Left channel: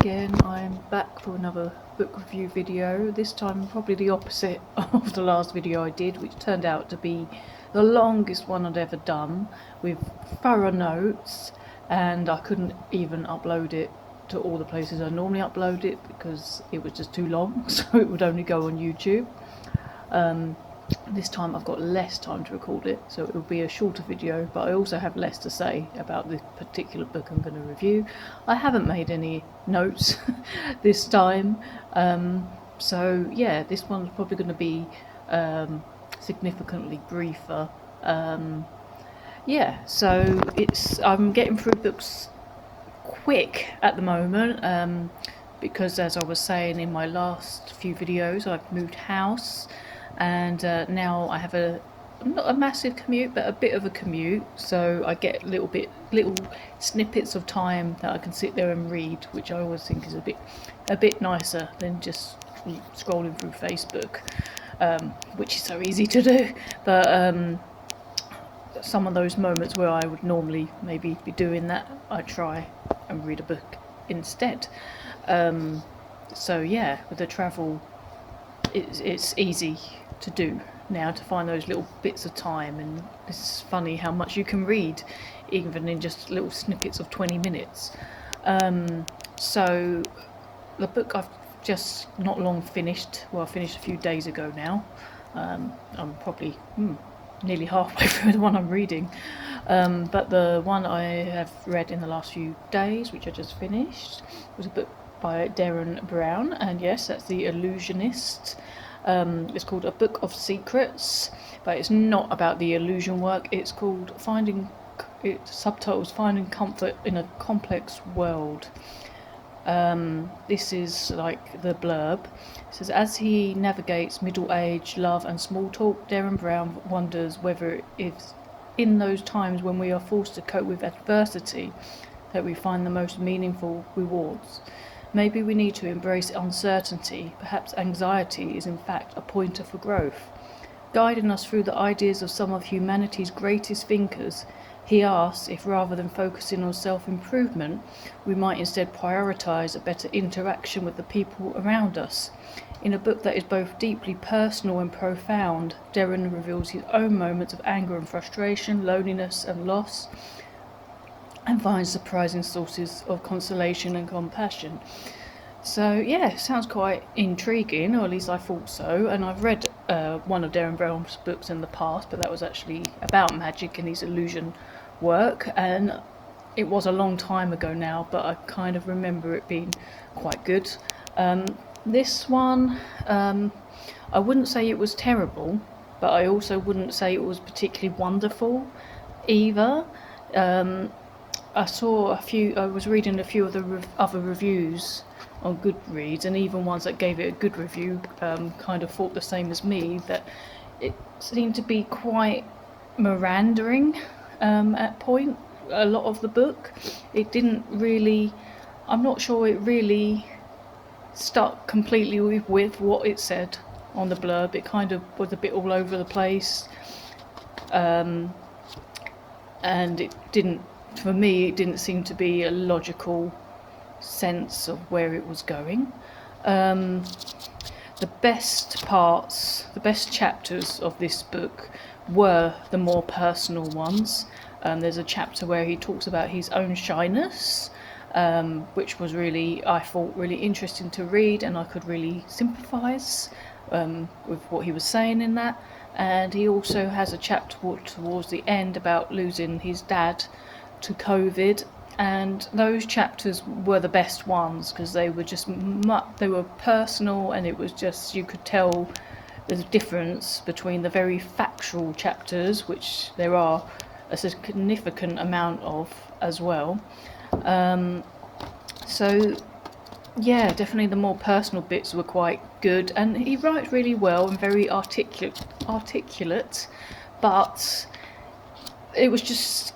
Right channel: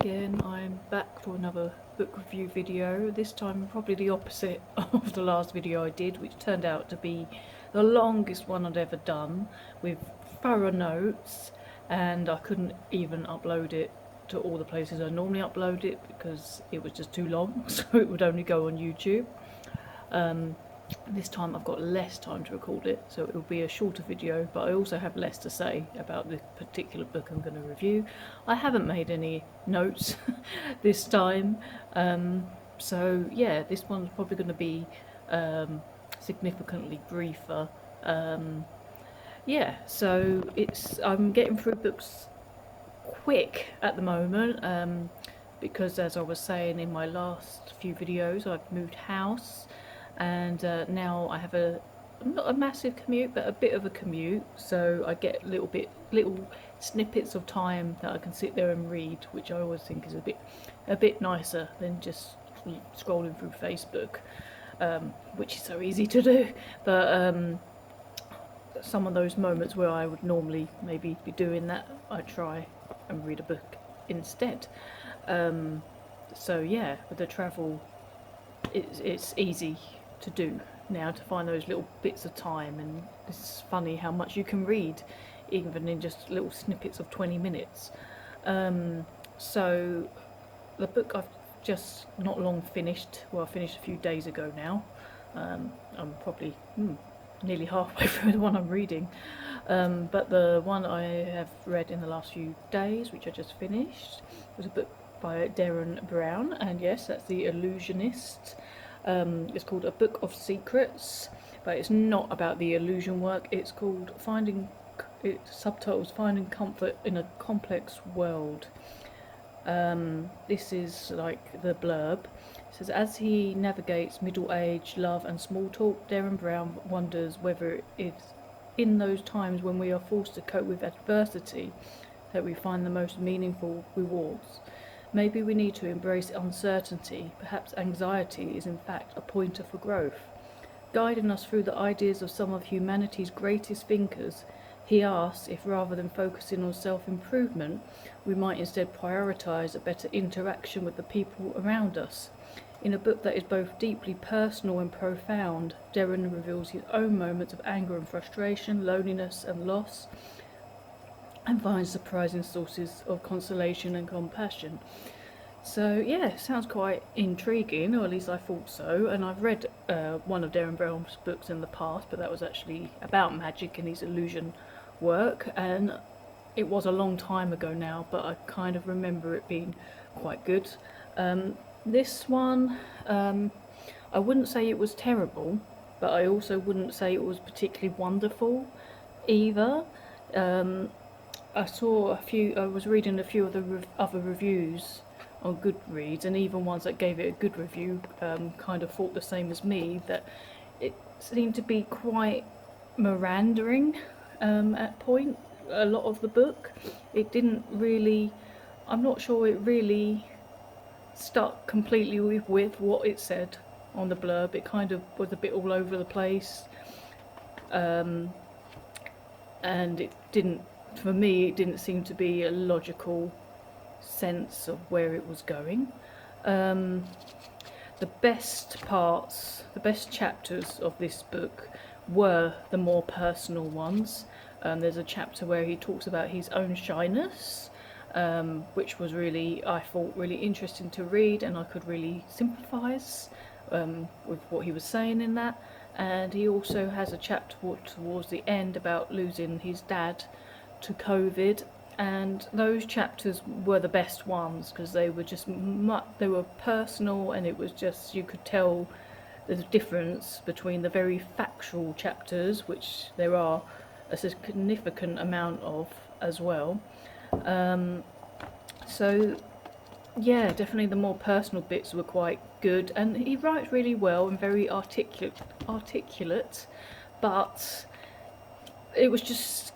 again. I'm back for another book review video, this time probably the opposite of the last video I did, which turned out to be the longest one I'd ever done, with thorough notes, and I couldn't even upload it to all the places I normally upload it because it was just too long, so it would only go on YouTube. This time I've got less time to record it, so it will be a shorter video, but I also have less to say about this particular book I'm going to review. I haven't made any notes this time, so yeah, this one's probably going to be significantly briefer. Yeah, so I'm getting through books quick at the moment, because as I was saying in my last few videos, I've moved house, and now I have not a massive commute, but a bit of a commute, so I get little snippets of time that I can sit there and read, which I always think is a bit nicer than just scrolling through Facebook, which is so easy to do. But some of those moments where I would normally maybe be doing that, I try and read a book instead. So yeah, with the travel, it's easy to do now, to find those little bits of time, and it's funny how much you can read even in just little snippets of 20 minutes. So the book I've just not long finished, well, I finished a few days ago now. I'm probably nearly halfway through the one I'm reading, but the one I have read in the last few days, which I just finished, was a book by Derren Brown, and yes, that's The Illusionist. It's called A Book of Secrets, but it's not about the illusion work. It's called subtitles Finding Comfort in a Complex World. This is like the blurb. It says, as he navigates middle age, love and small talk, Derren Brown wonders whether it's in those times when we are forced to cope with adversity that we find the most meaningful rewards. Maybe we need to embrace uncertainty. Perhaps anxiety is in fact a pointer for growth. Guiding us through the ideas of some of humanity's greatest thinkers, he asks if rather than focusing on self-improvement, we might instead prioritise a better interaction with the people around us. In a book that is both deeply personal and profound, Derren reveals his own moments of anger and frustration, loneliness and loss, and finds surprising sources of consolation and compassion. So yeah, sounds quite intriguing, or at least I thought so. And I've read one of Derren Brown's books in the past, but that was actually about magic and his illusion work, and it was a long time ago now, but I kind of remember it being quite good. This one, I wouldn't say it was terrible, but I also wouldn't say it was particularly wonderful either. I was reading a few of the other reviews on Goodreads, and even ones that gave it a good review kind of thought the same as me, that it seemed to be quite meandering at point, a lot of the book. It didn't really, I'm not sure it really stuck completely with what it said on the blurb. It kind of was a bit all over the place, and it didn't, for me, it didn't seem to be a logical sense of where it was going. The best parts, the best chapters of this book were the more personal ones. There's a chapter where he talks about his own shyness, which was really, I thought, really interesting to read, and I could really sympathise with what he was saying in that. And he also has a chapter towards the end about losing his dad to COVID, and those chapters were the best ones because they were just they were personal, and it was just, you could tell there's a difference between the very factual chapters, which there are a significant amount of as well. So yeah, definitely the more personal bits were quite good, and he writes really well and very articulate, but it was just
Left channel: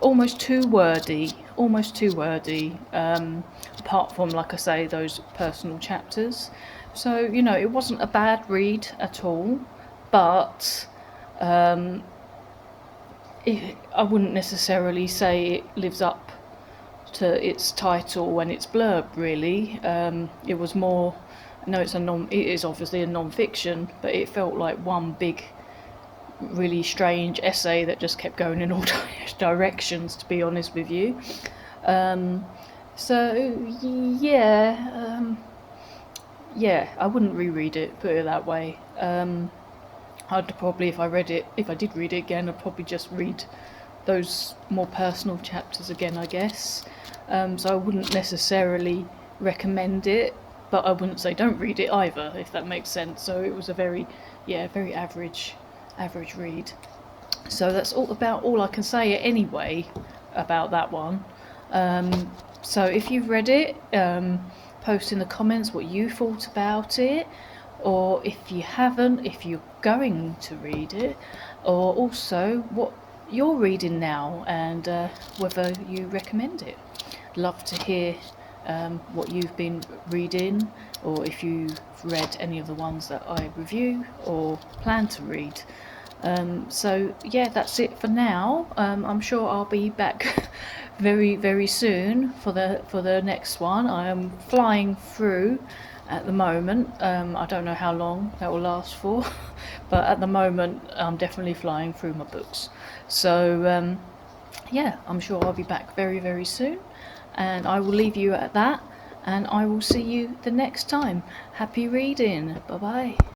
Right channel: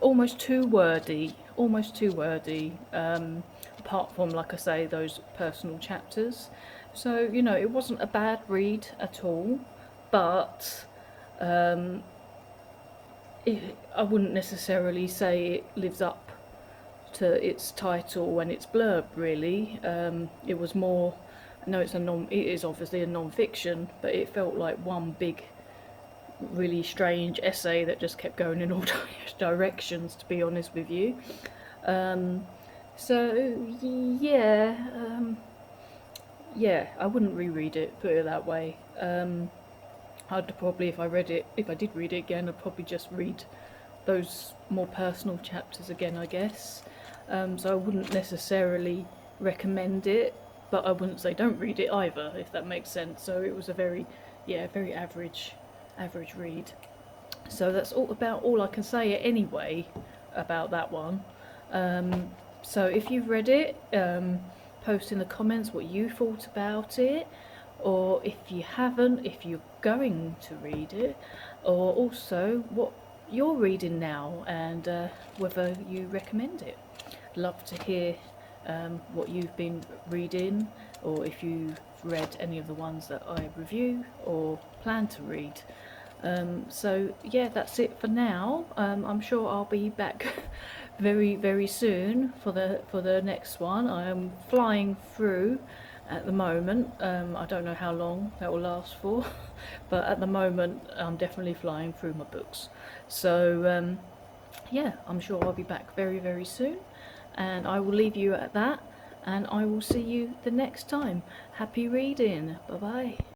almost too wordy, apart from, like I say, those personal chapters. So, you know, it wasn't a bad read at all, but I wouldn't necessarily say it lives up to its title and its blurb, really. It was more, no, it is obviously a non-fiction, but it felt like one big, really strange essay that just kept going in all directions, to be honest with you. So yeah, yeah, I wouldn't reread it, put it that way. I'd probably, if I did read it again, I'd probably just read those more personal chapters again, I guess. So I wouldn't necessarily recommend it, but I wouldn't say don't read it either, if that makes sense. So it was a very average read. So that's all I can say anyway about that one. So if you've read it, post in the comments what you thought about it, or if you haven't, if you're going to read it, or also what you're reading now and whether you recommend it. Love to hear what you've been reading, or if you've read any of the ones that I review or plan to read. So yeah, that's it for now. I'm sure I'll be back very soon for the next one. I am flying through at the moment. I don't know how long that will last for, but at the moment I'm definitely flying through my books. So yeah, I'm sure I'll be back very soon, and I will leave you at that, and I will see you the next time. Happy reading. Bye bye.